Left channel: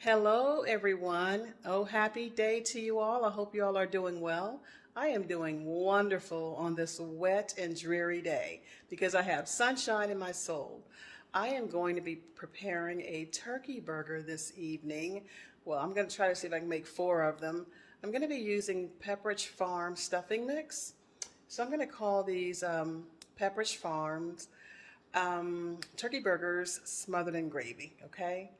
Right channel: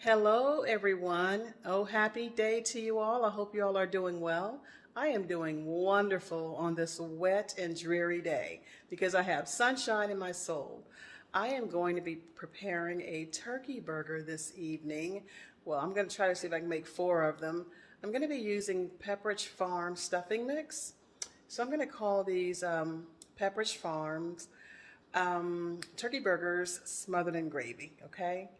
Hello, everyone. Oh, happy day to you all. I hope you all are doing well. I am doing wonderful on this wet and dreary day because I have sunshine in my soul. I am going to be preparing a turkey burger this evening. Well, I'm going to try to see if I can make 4 of them. I'm going to be using Pepperidge Farm stuffing mix. So I'm going to call these Pepperidge Farms turkey burgers smothered in gravy, okay?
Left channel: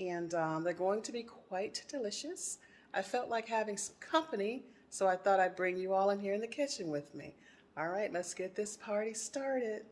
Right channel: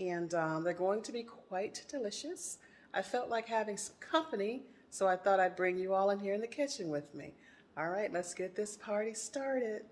And they're going to be quite delicious. I felt like having some company, so I thought I'd bring you all in here in the kitchen with me. All right, let's get this party started.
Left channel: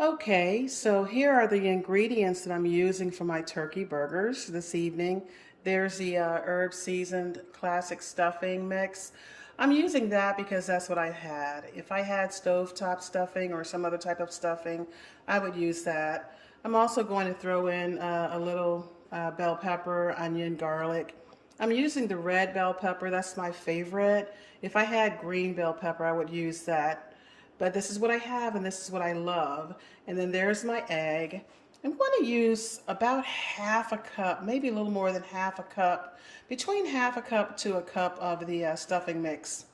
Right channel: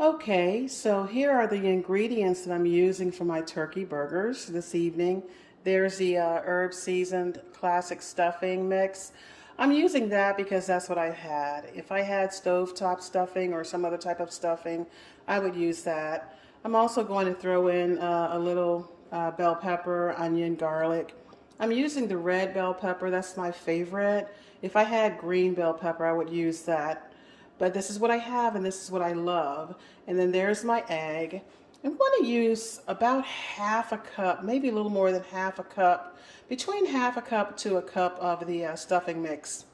Okay, so here are the ingredients that I'm using for my turkey burgers this evening. There's the herb seasoned classic stuffing mix. I'm using that because that's what I had. If I had stovetop stuffing or some other type of stuffing, I would use that. I'm also going to throw in a little bell pepper, onion, garlic. I'm using the red bell pepper, that's my favorite. If I had green bell pepper, I would use that. But this is what I have and this is what I love. And then there's my egg. I'm going to use about half a cup, maybe a little more than half a cup, between half a cup to a cup of the stuffing mix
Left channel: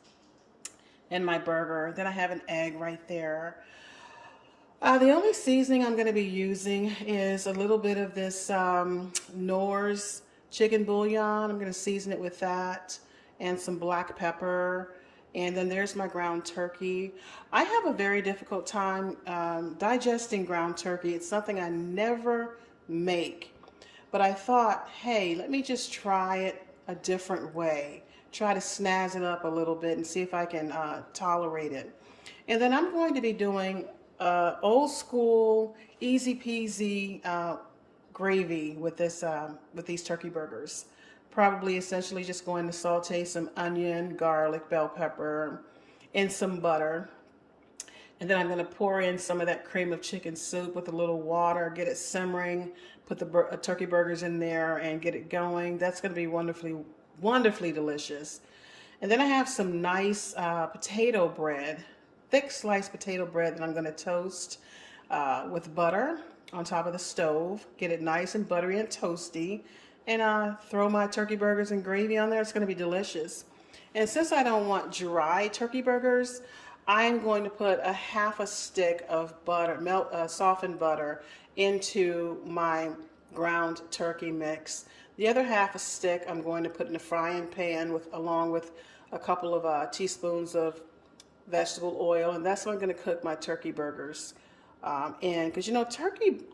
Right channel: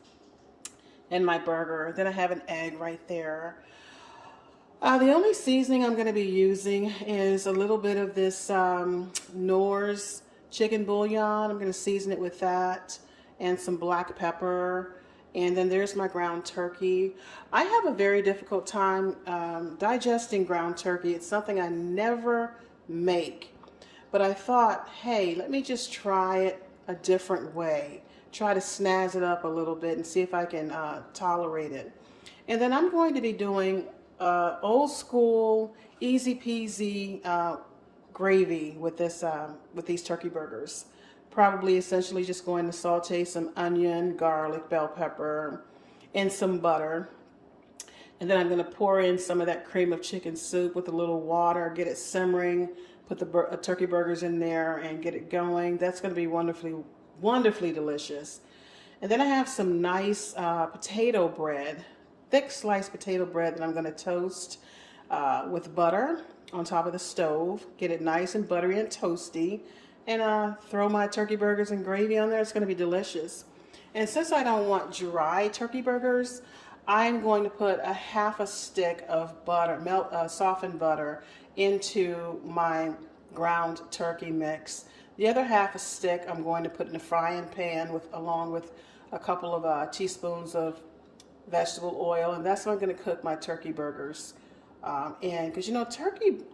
in my burger. Then I have an egg right there. The only seasoning I'm going to be using is a little bit of this Knorr's chicken bouillon. I'm going to season it with that and some black pepper. And then there's my ground turkey. I have a very difficult time digesting ground turkey. It's something I never make. But I thought, hey, let me just try it a different way. Try to snazz it up a little bit and see if I can tolerate it. And then I'm going to be doing old school, easy peasy gravy with with these turkey burgers. Probably essentially just going to saute some onion, garlic, bell pepper, and some butter. And then I'm going to pour in some of that cream of chicken soup with a little water, get it simmering, put the turkey burgers in there and get it going. That's going to be wonderfully, wonderfully delicious. And then I have some nice potato bread, thick sliced potato bread that I'm going to toast with butter on top of the stove. Get it nice and buttery and toasty. And throw my turkey burgers and gravy on there. It's going to be delicious. And since I don't want dry turkey burgers, I'm going to put a half a stick of butter, softened butter, into my ground turkey mix. The other half a stick I'm going to put in a frying pan along with a couple of teaspoons of vegetable oil, and that's what I'm going to cook my turkey burgers. And because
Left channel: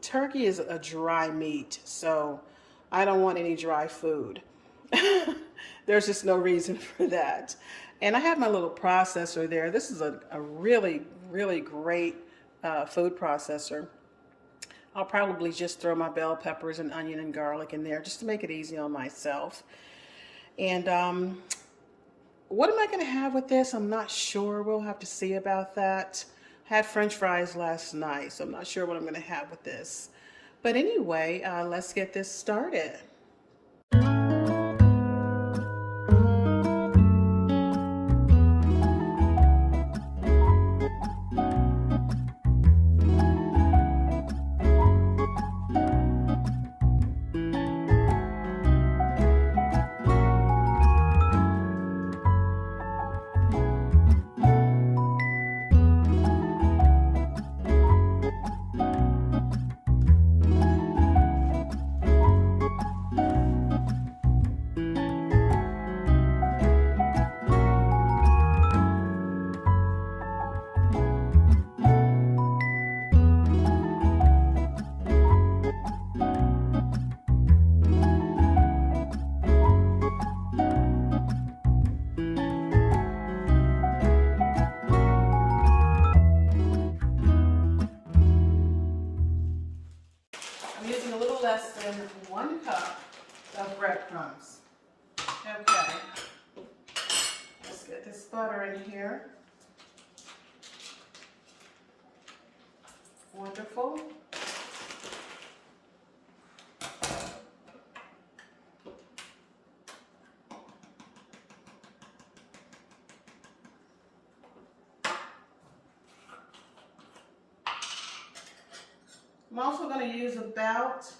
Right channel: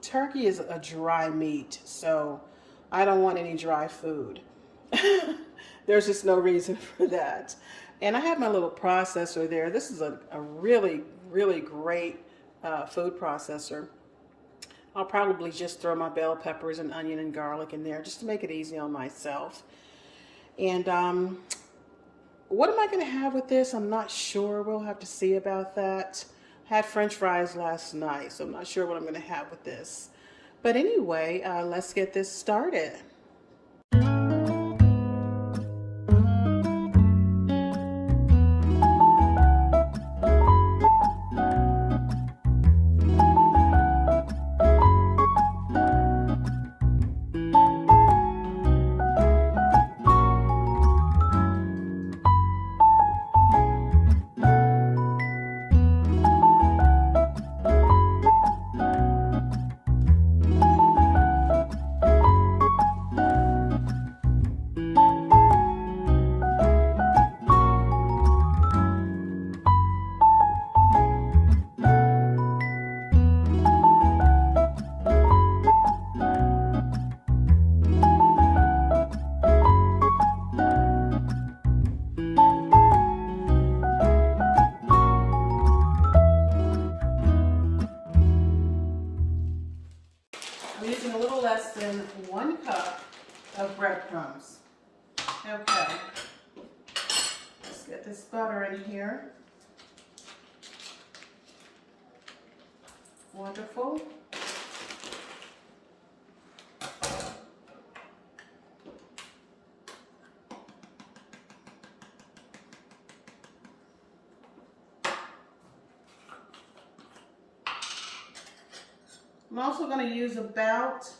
turkey is a dry meat, so I don't want any dry food. There's just no reason for that. And I have my little processor there. This is a really, really great food processor. I'll probably just throw my bell peppers and onion and garlic in there just to make it easy on myself. And what am I going to have with this? I'm not sure. We'll have to see about that. I had French fries last night, so I'm not sure what I'm going to have with this. But anyway, let's get this started. I'm using a little less than 1 cup of breadcrumbs. Okay, let's get this butter in here. Wonderful. I'm also going to use about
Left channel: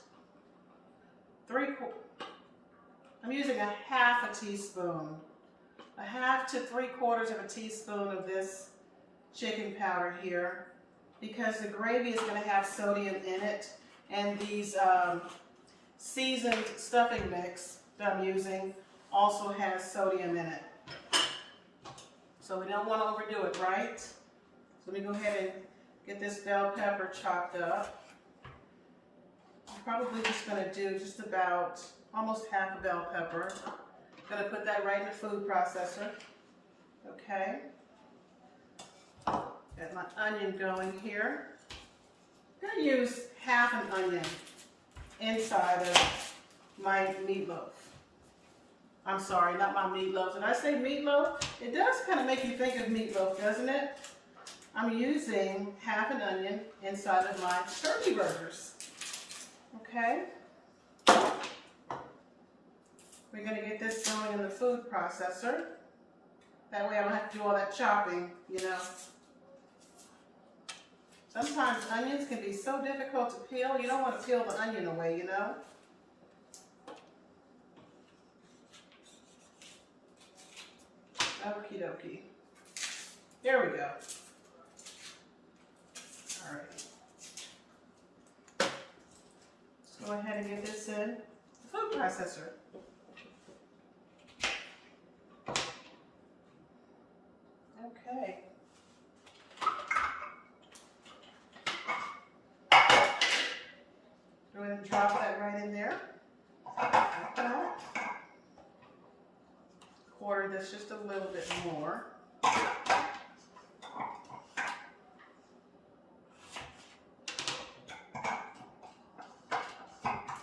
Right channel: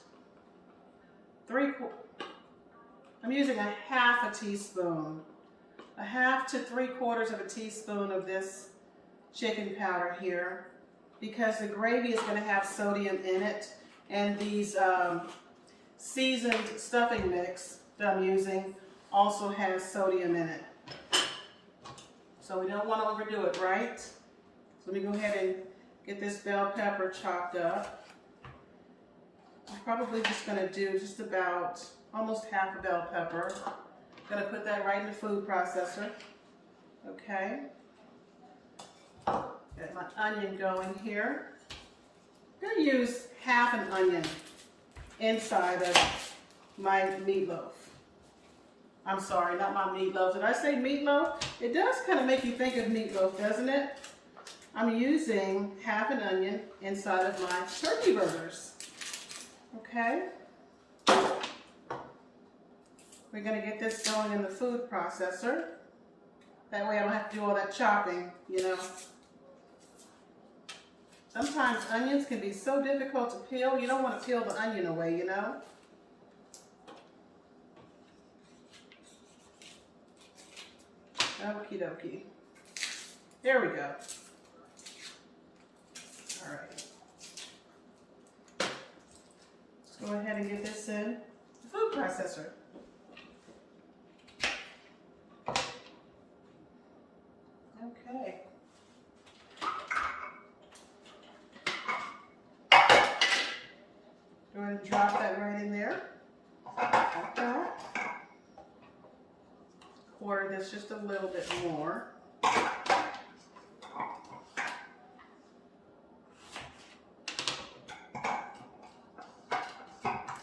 I'm using a half a teaspoon, a half to 3/4 of a teaspoon of this chicken powder here, because the gravy is going to have sodium in it, and these seasoned stuffing mix that I'm using also has sodium in it. So we don't want to overdo it, right? So let me go ahead and get this bell pepper chopped up. I'm probably just going to do just about almost half a bell pepper. Going to put that right in the food processor. Okay. Got my onion going here. I'm going to use half an onion inside of my meatloaf. I'm sorry, not my meatloaf. Did I say meatloaf? It does kind of make you think of meatloaf, doesn't it? I'm using half an onion inside of my turkey burgers. Okay. We're going to get this going in the food processor. That way I don't have to do all that chopping, you know. Sometimes onions can be so difficult to peel. You don't want to peel the onion away, you know. Okie dokie. There we go. All right. Let's go ahead and get this in the food processor. Okay. Go ahead and drop that right in there. Like that. Quarter this just a little bit more.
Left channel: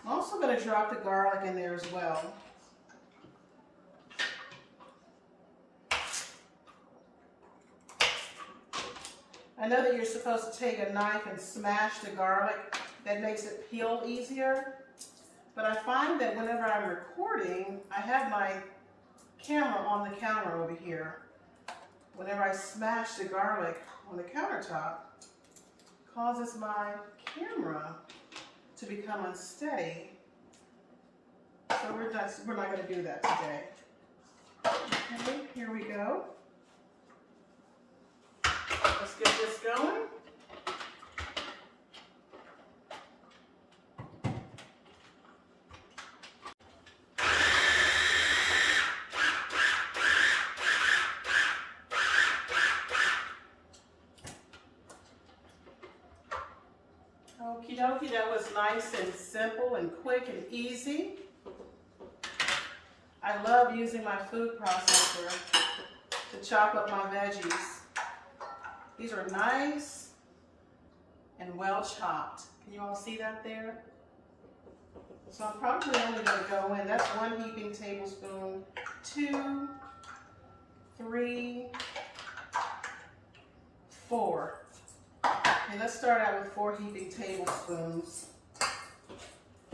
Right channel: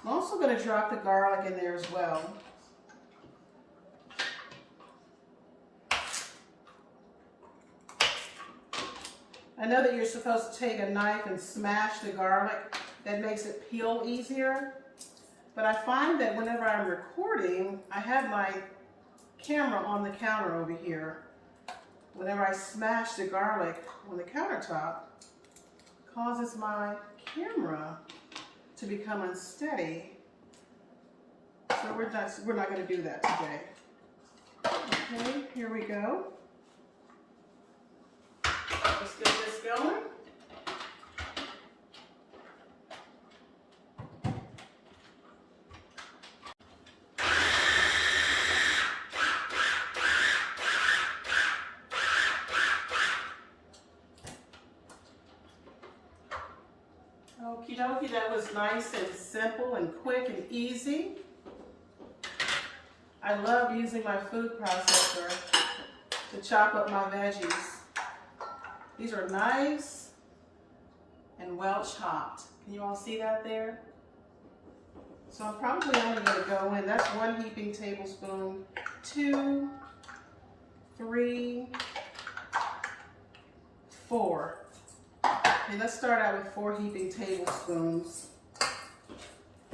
I'm also going to drop the garlic in there as well. I know that you're supposed to take a knife and smash the garlic. That makes it peel easier. But I find that whenever I'm recording, I have my camera on the counter over here. Whenever I smash the garlic on the countertop, it causes my camera to become unsteady. So we're not going to do that today. Okay, here we go. Let's get this going. Okie dokie, that was nice and simple and quick and easy. I love using my food processor to chop up my veggies. These are nice and well chopped. Can you all see that there? So I'm probably only going to go in, that's 1 heaping tablespoon, 2, 3, 4. Okay, let's start out with 4 heaping tablespoons.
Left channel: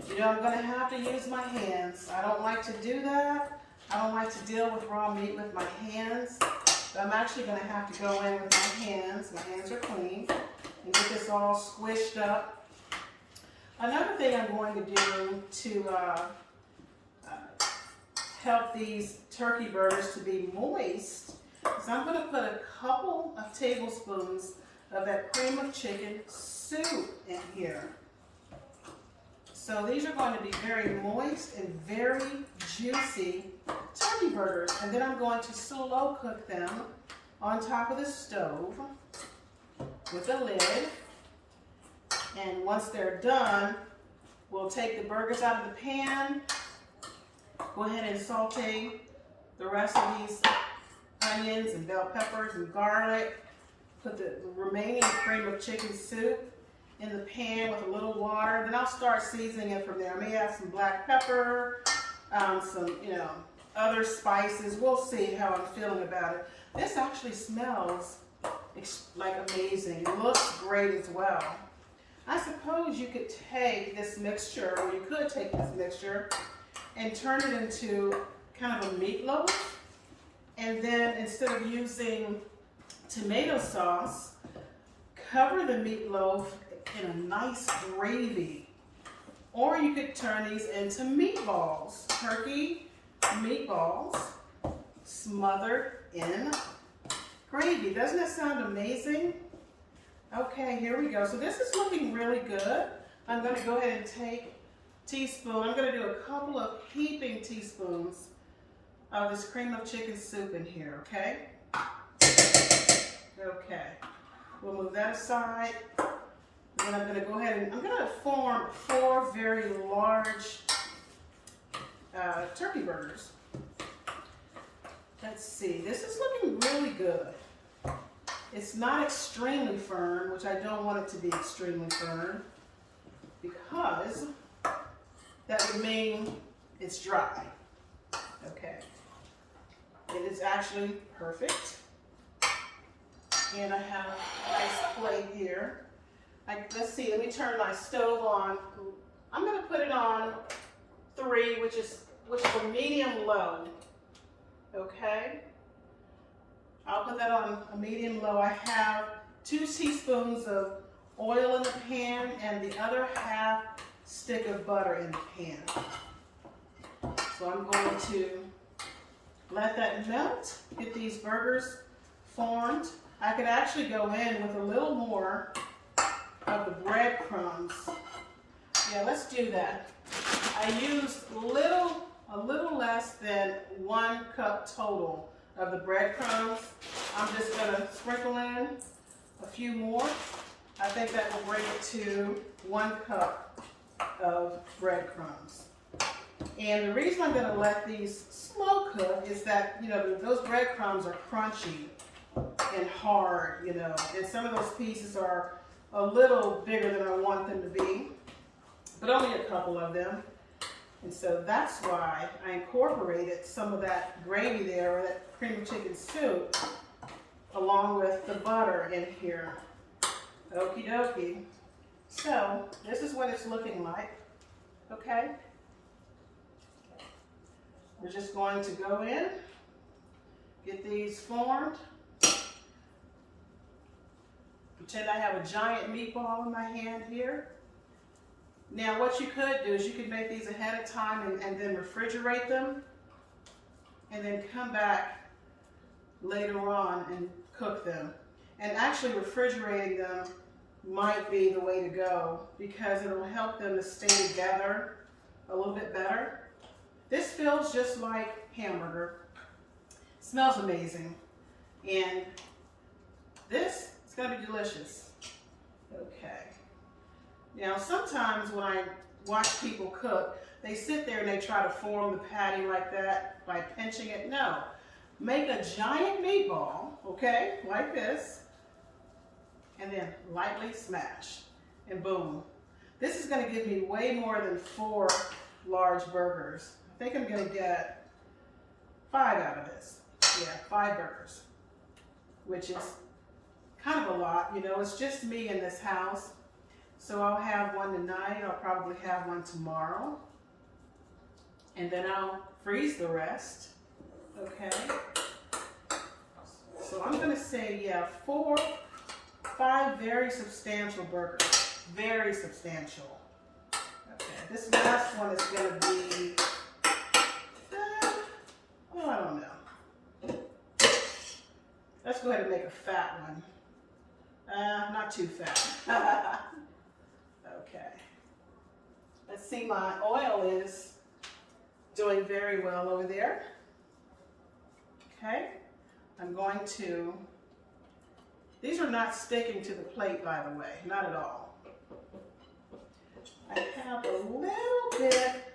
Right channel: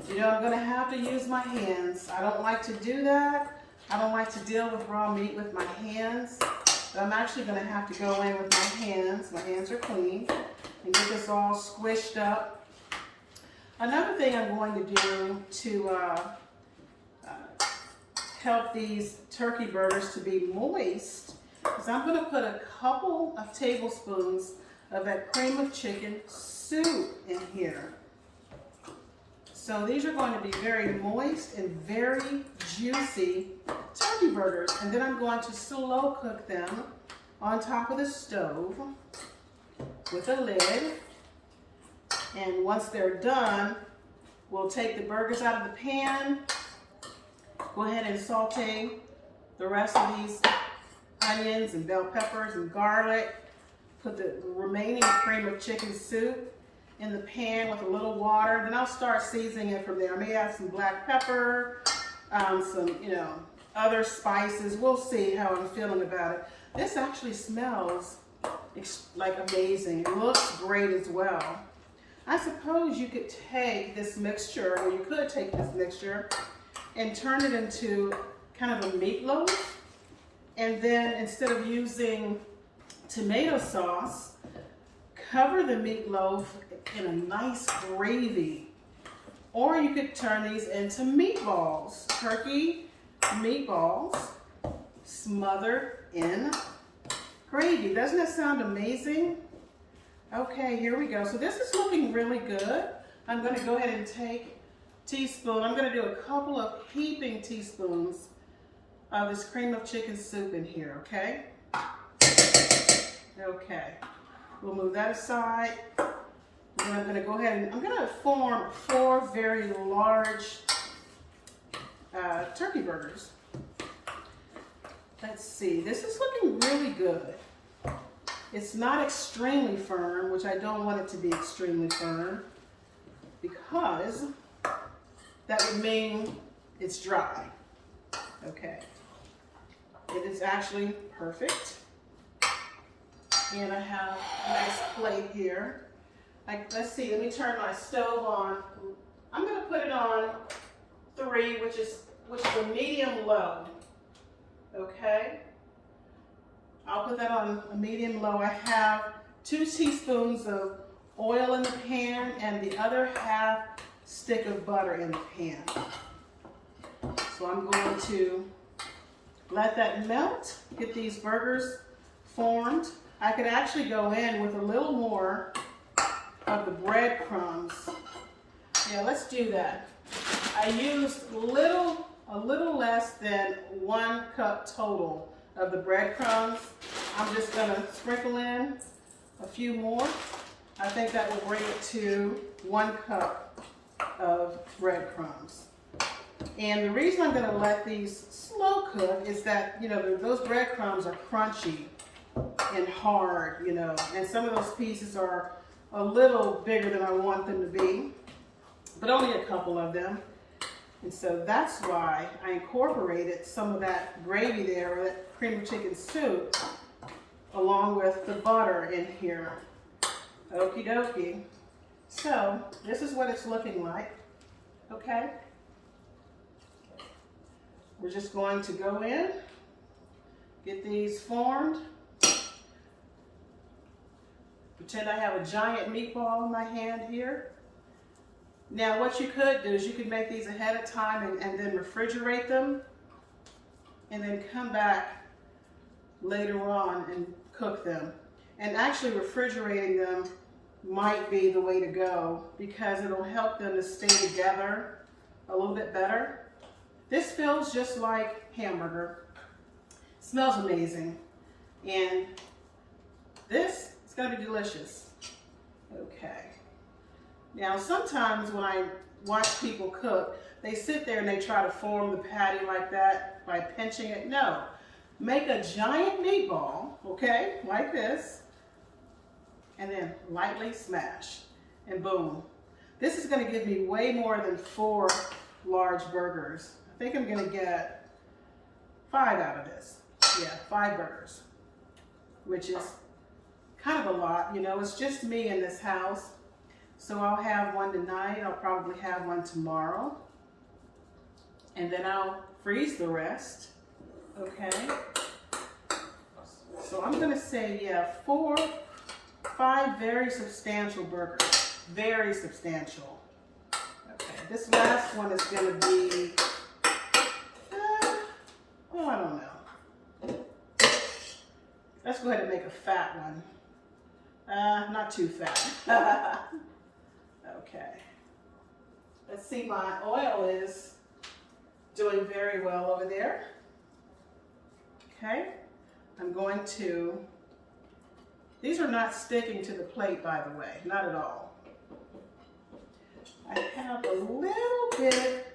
You know, I'm going to have to use my hands. I don't like to do that. I don't like to deal with raw meat with my hands. But I'm actually going to have to go in with my hands. My hands are clean. And get this all squished up. Another thing I'm going to do to help these turkey burgers to be moist is I'm going to put a couple of tablespoons of that cream of chicken soup in here. So these are going to be very moist and very juicy turkey burgers. And then I'm going to slow cook them on top of the stove with a lid. And once they're done, we'll take the burgers out of the pan, go ahead and saute the rest of these onions and bell peppers and garlic. Put the remaining cream of chicken soup in the pan with a little water. Then I'll start seasoning it from there. I may add some black pepper, some, other spices. We'll see how I'm feeling about it. This actually smells like amazing. It looks great as well. I suppose you could take this mixture, or you could take this mixture and turn it into kind of a meatloaf. And then instead of using tomato sauce, cover the meatloaf in a nice gravy. Or you could turn these into meatballs, turkey meatballs smothered in gravy. Doesn't that sound amazing? Okay, here we go. So this is looking really good. I'm going to go ahead and take a teaspoon. I'm going to do a couple of heaping teaspoons of this cream of chicken soup in here, okay? Okay, we'll move that aside. Then I'm going to go ahead and I'm going to form 4 very large turkey burgers. Let's see, this is looking really good. It's not extremely firm, which I don't want it to be extremely firm, because that would mean it's dry. Okay. It is actually perfect. And I have a nice plate here. Let's see, let me turn my stove on. I'm going to put it on 3, which is a medium low. Okay. I'll put that on a medium low. I have 2 teaspoons of oil in the pan and the other half stick of butter in the pan. So I'm going to let that melt, get these burgers formed. I could actually go in with a little more of the breadcrumbs. Yeah, let's do that. I used a little less than 1 cup total of the breadcrumbs. I'm just gonna sprinkle in a few more. I think that will bring it to 1 cup of breadcrumbs. And the reason I'm gonna let these slow cook is that, you know, those breadcrumbs are crunchy and hard, you know, and some of those pieces are a little bigger than I want them to be, but only a couple of them. And so that's why I incorporated some of that gravy there, or that cream of chicken soup, along with the butter in here. Okie dokie. So this is what it's looking like, okay? We're just going to go in, get these formed. Pretend I have a giant meatball in my hand here. Now what you could do is you could make these ahead of time and then refrigerate them, and then come back later on and cook them. And actually refrigerating them might be the way to go, because it'll help them to stay together a little bit better. This feels just like hamburger. Smells amazing. And this is gonna be delicious. Okay. Now, sometimes when I watch people cook, they sit there and they try to form the patty like that by pinching it. No, make a giant meatball, okay, like this, and then lightly smash, and boom. This is gonna give me way more than 4 large burgers. I think I'm gonna get 5 out of this. Yeah, 5 burgers, which is kind of a lot, you know, it's just me in this house. So I'll have one tonight, I'll probably have one tomorrow, and then I'll freeze the rest, okay? So I'm gonna say, yeah, 5 very substantial burgers, very substantial. Okay, this last one is gonna be, oh, I don't know. Let's go ahead and make a fat one. Not too fat. Okay. Let's see, my oil is doing very well over there. Okay. I'm going to, these are not sticking to the plate, by the way, not at all. I have a little bit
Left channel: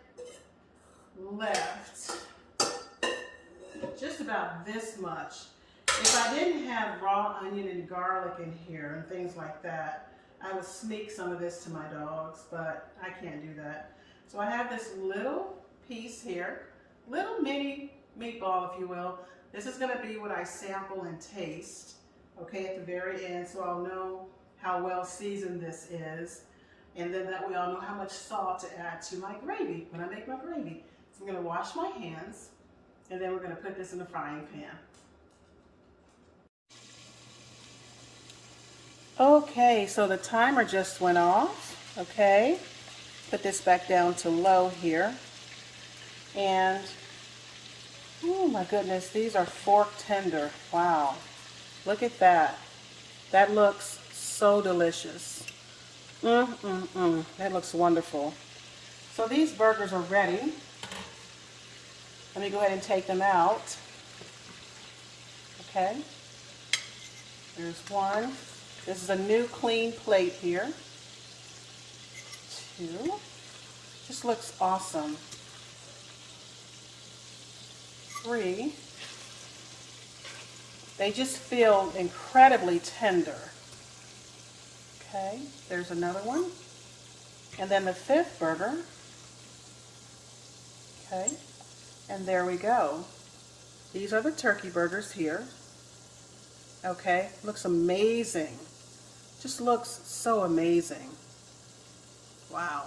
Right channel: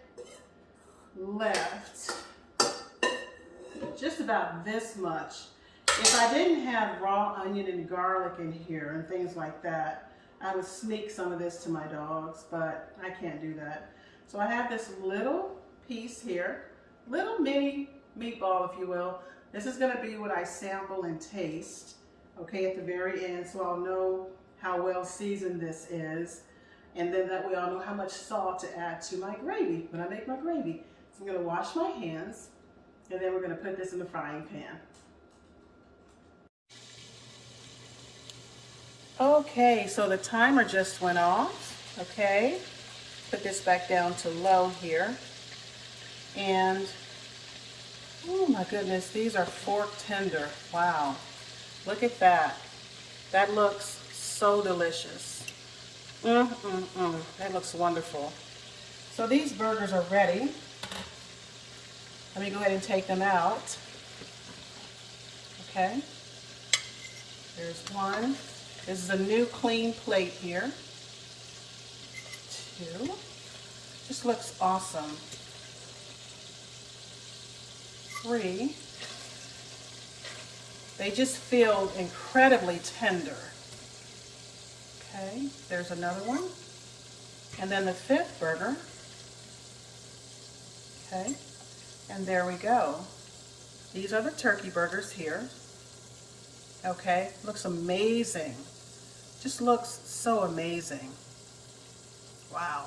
left, just about this much. If I didn't have raw onion and garlic in here and things like that, I would sneak some of this to my dogs, but I can't do that. So I have this little piece here, little mini meatball, if you will. This is gonna be what I sample and taste, okay, at the very end, so I'll know how well seasoned this is. And then that way I'll know how much salt to add to my gravy when I make my gravy. So I'm gonna wash my hands, and then we're gonna put this in the frying pan. Okay, so the timer just went off. Okay, put this back down to low here. And, oh my goodness, these are fork tender. Wow, look at that. That looks so delicious. That looks wonderful. So these burgers are ready. Let me go ahead and take them out. Okay, there's one. This is a new clean plate here. Two. This looks awesome. Three. They just feel incredibly tender. Okay, there's another one. And then the fifth burger. Okay, and there we go. These are the turkey burgers here. Okay, looks amazing. Just looks so amazing. Wow.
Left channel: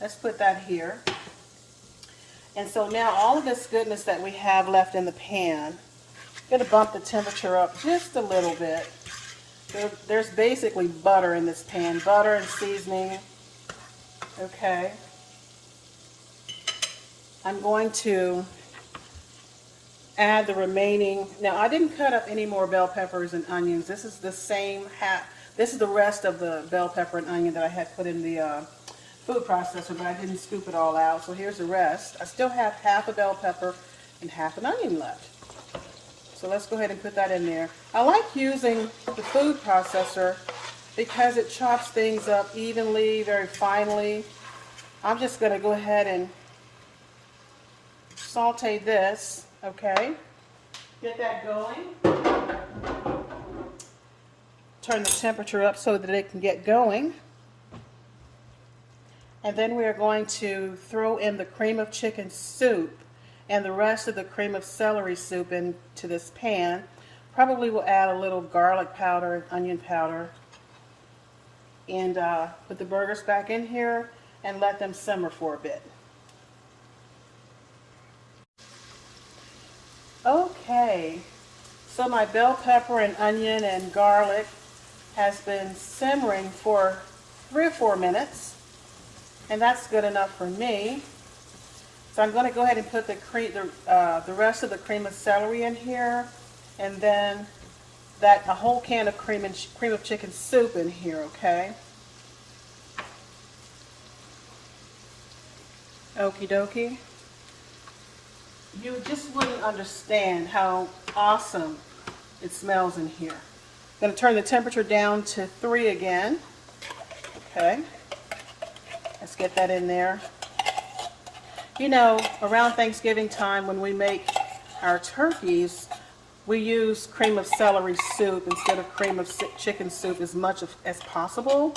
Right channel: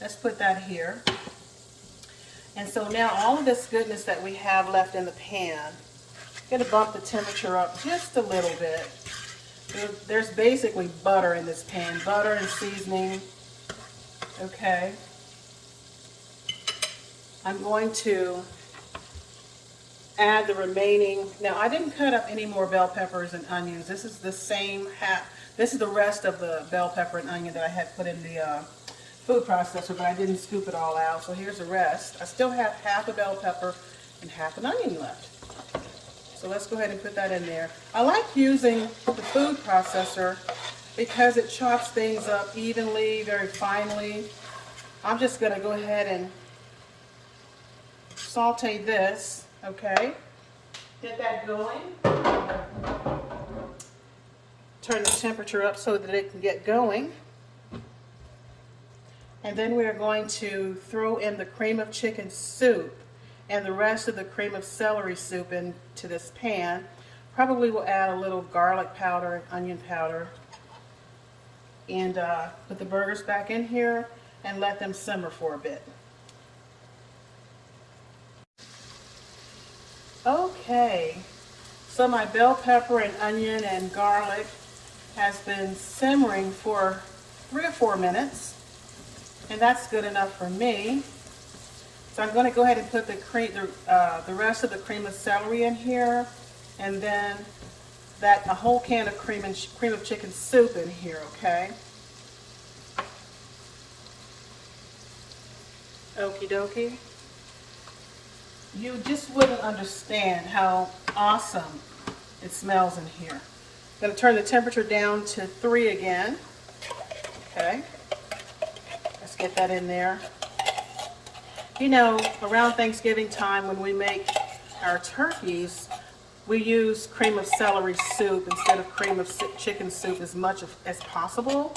Let's put that here. And so now all of this goodness that we have left in the pan, I'm going to bump the temperature up just a little bit. There's basically butter in this pan, butter and seasoning. Okay. I'm going to add the remaining. Now I didn't cut up any more bell peppers and onions. This is the same half. This is the rest of the bell pepper and onion that I had put in the food processor, but I didn't scoop it all out. So here's the rest. I still have half a bell pepper and half an onion left. So let's go ahead and put that in there. I like using the food processor because it chops things up evenly, very finely. I'm just going to go ahead and saute this, okay? Get that going. Turn the temperature up so that it can get going. And then we're going to throw in the cream of chicken soup and the rest of the cream of celery soup into this pan. Probably will add a little garlic powder, onion powder, and put the burgers back in here and let them simmer for a bit. Okay, so my bell pepper and onion and garlic has been simmering for 3 or 4 minutes, and that's good enough for me. So I'm going to go ahead and put the rest of the cream of celery in here, and then a whole can of cream of chicken soup in here. Okay. Okie dokie. You just wouldn't understand how awesome it smells in here. I'm going to turn the temperature down to 3 again. Okay. Let's get that in there. You know, around Thanksgiving time when we make our turkeys, we use cream of celery soup instead of cream of chicken soup as much as possible,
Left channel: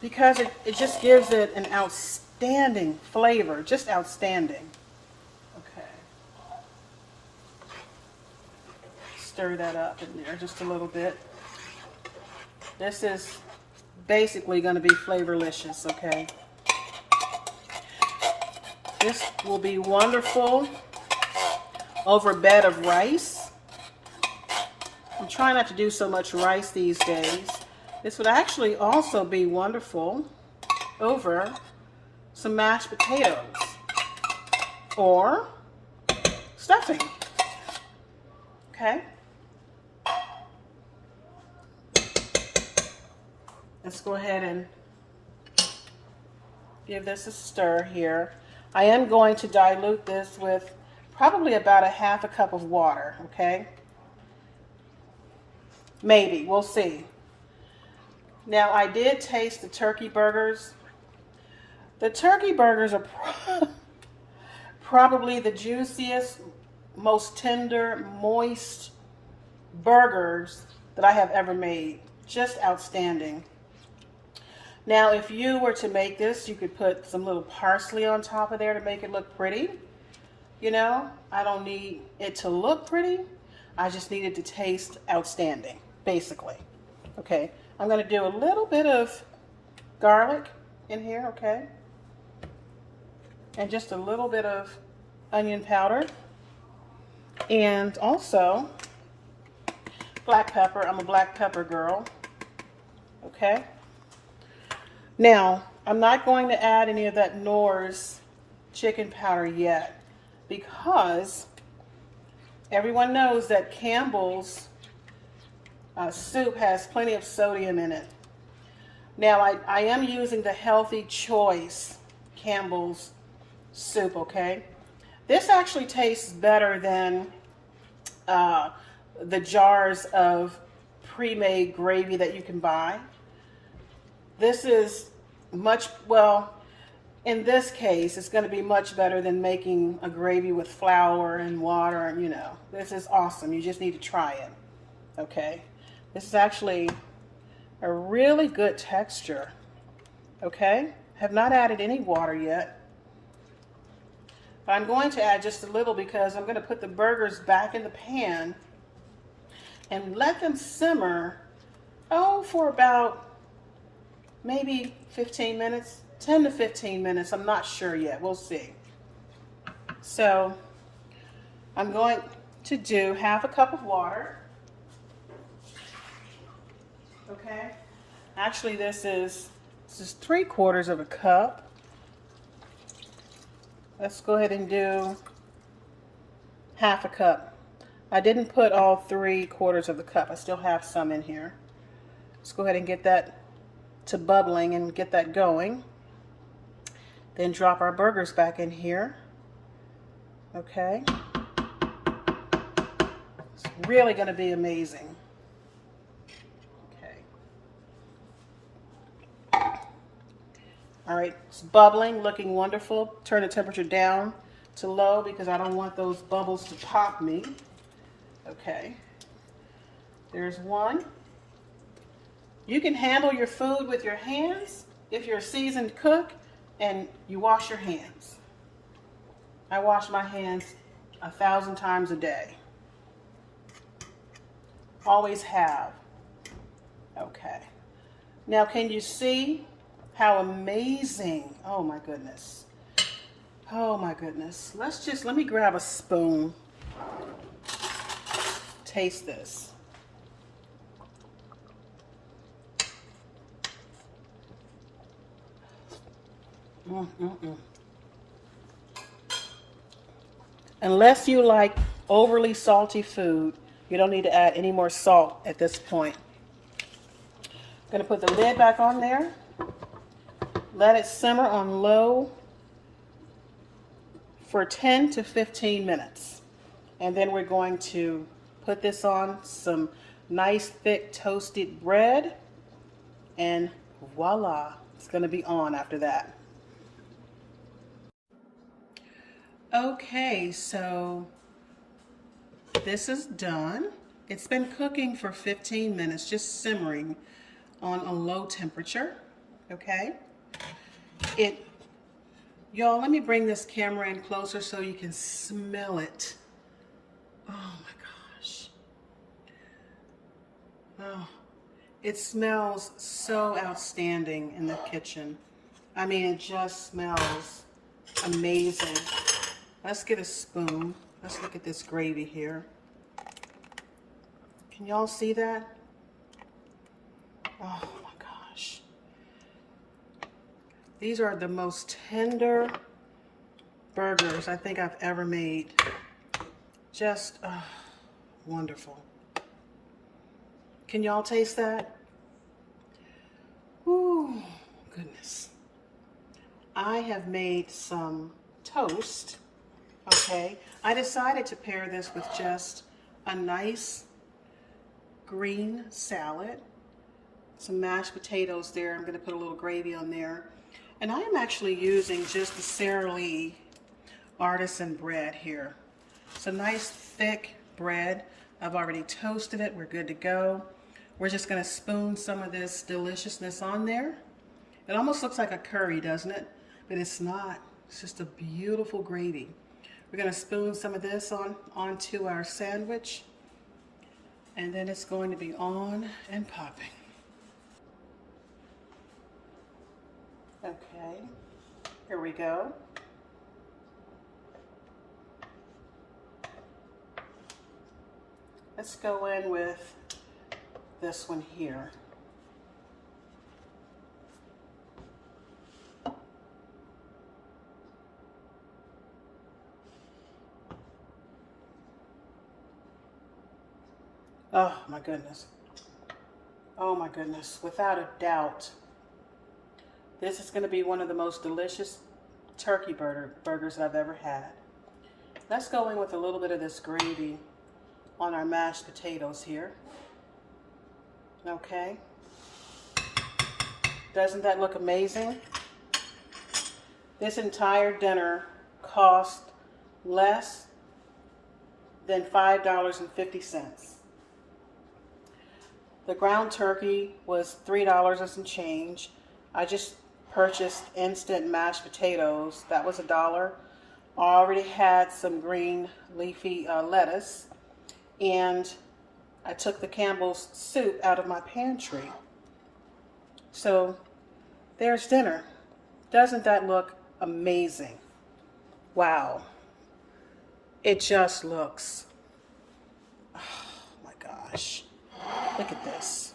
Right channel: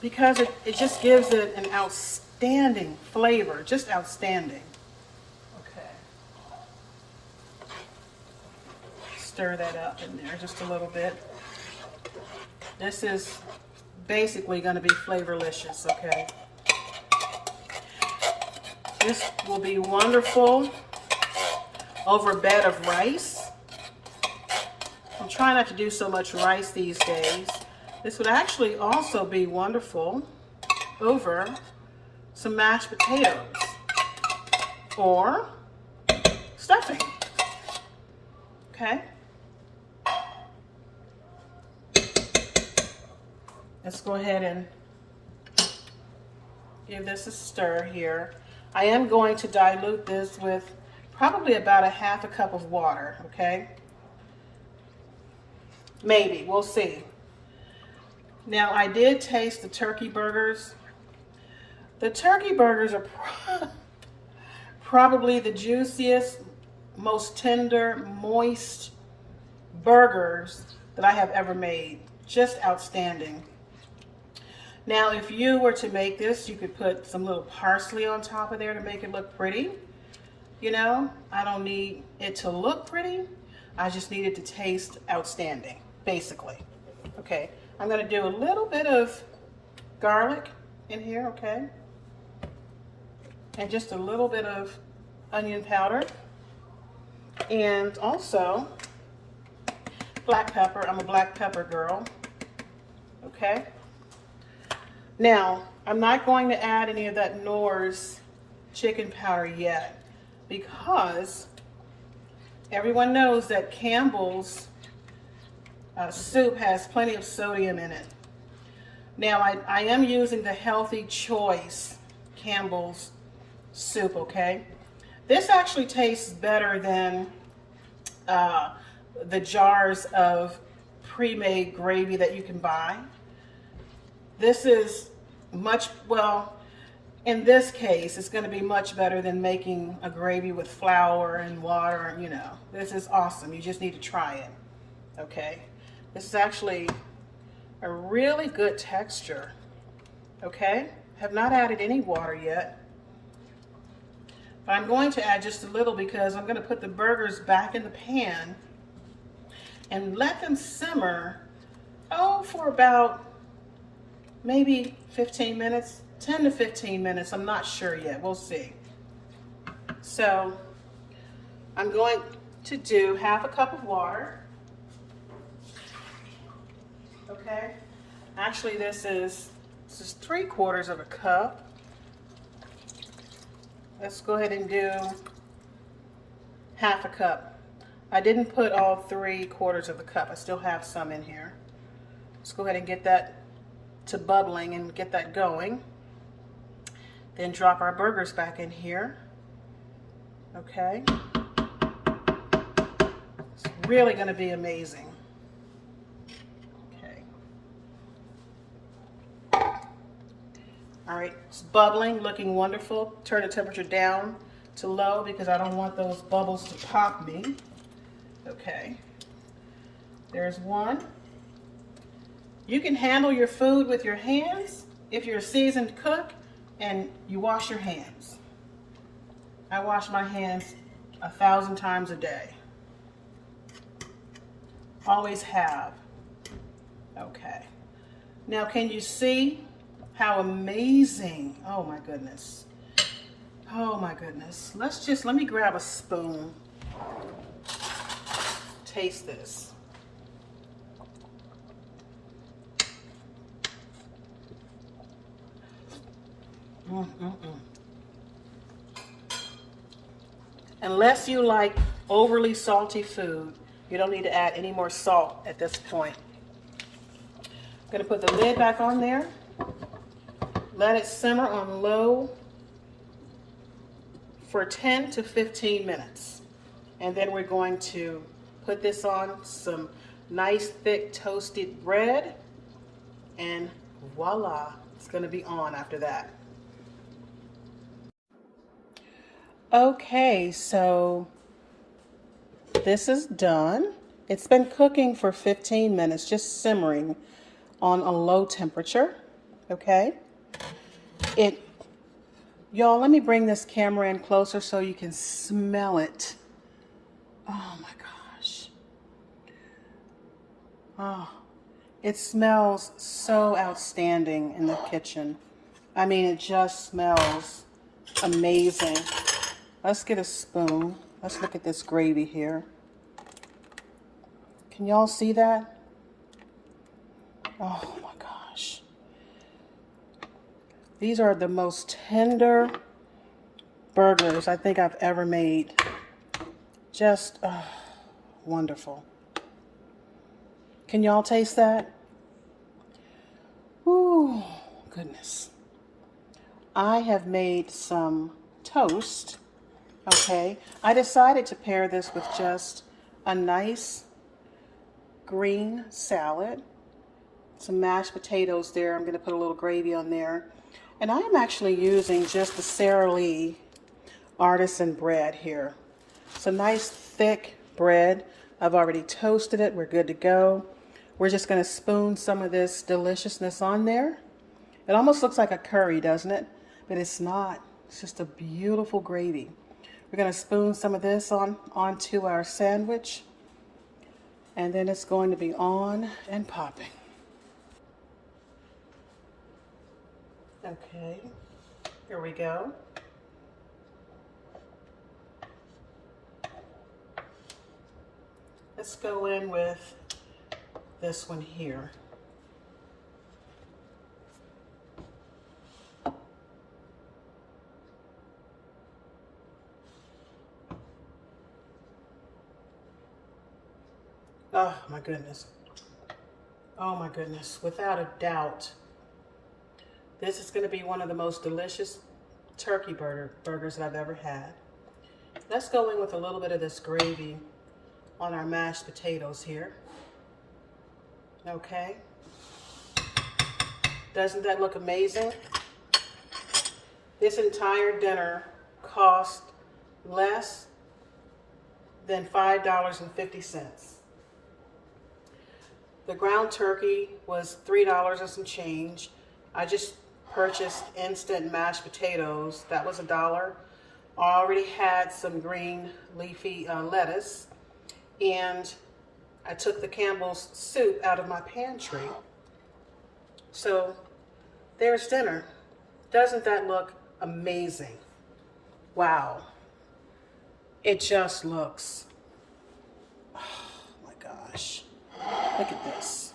because it just gives it an outstanding flavor, just outstanding. Okay. Stir that up in there just a little bit. This is basically going to be flavorlicious, okay? This will be wonderful over a bed of rice. I'm trying not to do so much rice these days. This would actually also be wonderful over some mashed potatoes or stuffing. Okay? Let's go ahead and give this a stir here. I am going to dilute this with probably about a half a cup of water, okay? Maybe, we'll see. Now, I did taste the turkey burgers. The turkey burgers are probably the juiciest, most tender, moist burgers that I have ever made. Just outstanding. Now, if you were to make this, you could put some little parsley on top of there to make it look pretty. You know, I don't need it to look pretty. I just need it to taste outstanding, basically. Okay, I'm going to do a little bit of garlic in here, okay? And just a little bit of onion powder. And also black pepper. I'm a black pepper girl. Okay. Now, I'm not going to add any of that Knorr's chicken powder yet because everyone knows that Campbell's soup has plenty of sodium in it. Now, I am using the Healthy Choice Campbell's soup, okay? This actually tastes better than the jars of pre-made gravy that you can buy. This is much, well, in this case, it's going to be much better than making a gravy with flour and water, you know. This is awesome. You just need to try it, okay? This is actually a really good texture, okay? Have not added any water yet. But I'm going to add just a little because I'm going to put the burgers back in the pan and let them simmer, for about maybe 15 minutes, 10 to 15 minutes. I'm not sure yet. We'll see. So I'm going to do half a cup of water. Okay. Actually, this is 3/4 of a cup. Let's go ahead and do half a cup. I didn't put all 3/4 of the cup. I still have some in here. Let's go ahead and get that to bubbling and get that going. Then drop our burgers back in here. Okay. It's really going to be amazing. Okay. All right, it's bubbling, looking wonderful. Turn the temperature down to low because I don't want those bubbles to pop me. Okay. There's one. You can handle your food with your hands if you're a seasoned cook and you wash your hands. I wash my hands 1,000 times a day. Always have. Okay. Now, can you see how amazing? Oh my goodness. Oh my goodness. Let me grab a spoon. Taste this. Unless you like overly salty food, you don't need to add any more salt at this point. I'm going to put the lid back on there. Let it simmer on low for 10 to 15 minutes. And then we're going to put this on some nice thick toasted bread, and voila, it's going to be on after that. Okay, so this is done. It's been cooking for 15 minutes, just simmering on a low temperature, okay? Y'all, let me bring this camera in closer so you can smell it. Oh my gosh. Oh, it smells so outstanding in the kitchen. I mean, it just smells amazing. Let's get a spoon. Let's look at this gravy here. Can y'all see that? Oh my gosh. These are the most tender burgers I think I've ever made. Just wonderful. Can y'all taste that? Ooh, goodness. I have made some toast. Okay, I decided to pair this with just a nice green salad, some mashed potatoes there. I'm going to put a little gravy on there. And I am actually using just the Sara Lee artisan bread here. It's a nice thick bread. I've already toasted it. We're good to go. We're just going to spoon some of this deliciousness on there. It almost looks like a curry, doesn't it? But it's not. It's just a beautiful gravy. We're going to spoon some of this onto our sandwich, and then it's going to be on and popping. Okay, here we go. Let's go in with this one here. Oh my goodness. Oh my goodness. Without a doubt, this is going to be one of the most delicious turkey burgers that I've ever had. Let's go in with a little bit of this gravy on our mashed potatoes here. Okay. Doesn't that look amazing? This entire dinner cost less than $5.50. The ground turkey was $3 and some change. I just purchased instant mashed potatoes. That was $1. I already had some green leafy lettuce, and I took the Campbell's soup out of my pantry. So there's dinner. Doesn't that look amazing? Wow. It just looks, oh my gosh. Look at this.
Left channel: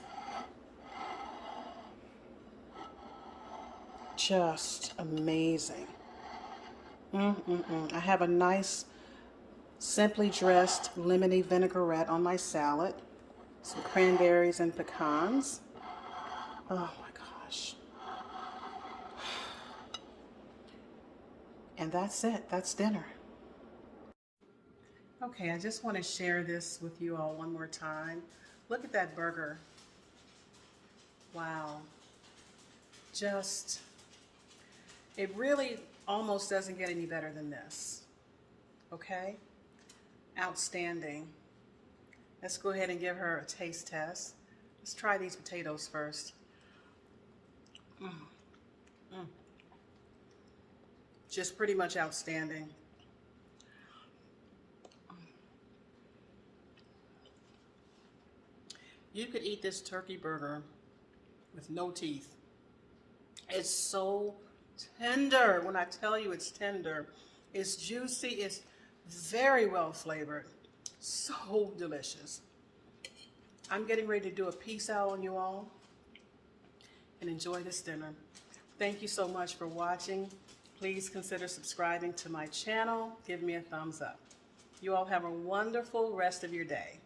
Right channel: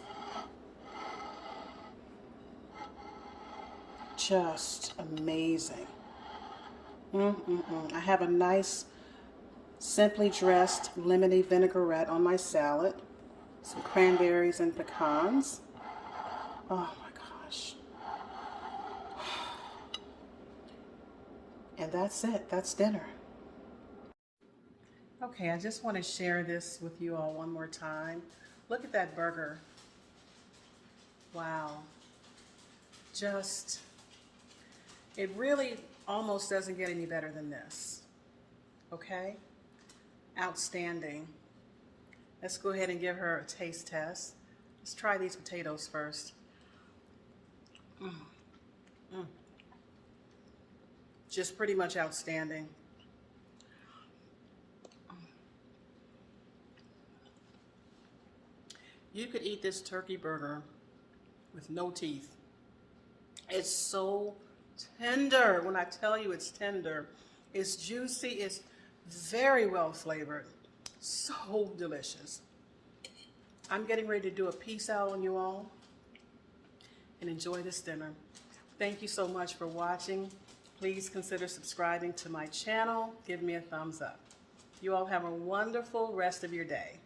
Just amazing. I have a nice, simply dressed lemony vinaigrette on my salad. Some cranberries and pecans. Oh my gosh. And that's it. That's dinner. Okay, I just want to share this with you all one more time. Look at that burger. Wow. Just, it really almost doesn't get any better than this. Okay? Outstanding. Let's go ahead and give her a taste test. Let's try these potatoes first. Just pretty much outstanding. You could eat this turkey burger with no teeth. It's so tender. When I tell you it's tender, it's juicy, it's very well flavored, so delicious. I'm getting ready to do a peace out on you all and enjoy this dinner. Thank you so much for watching. Please consider subscribing to my channel. Give me a thumbs up. You all have a wonderful rest of your day.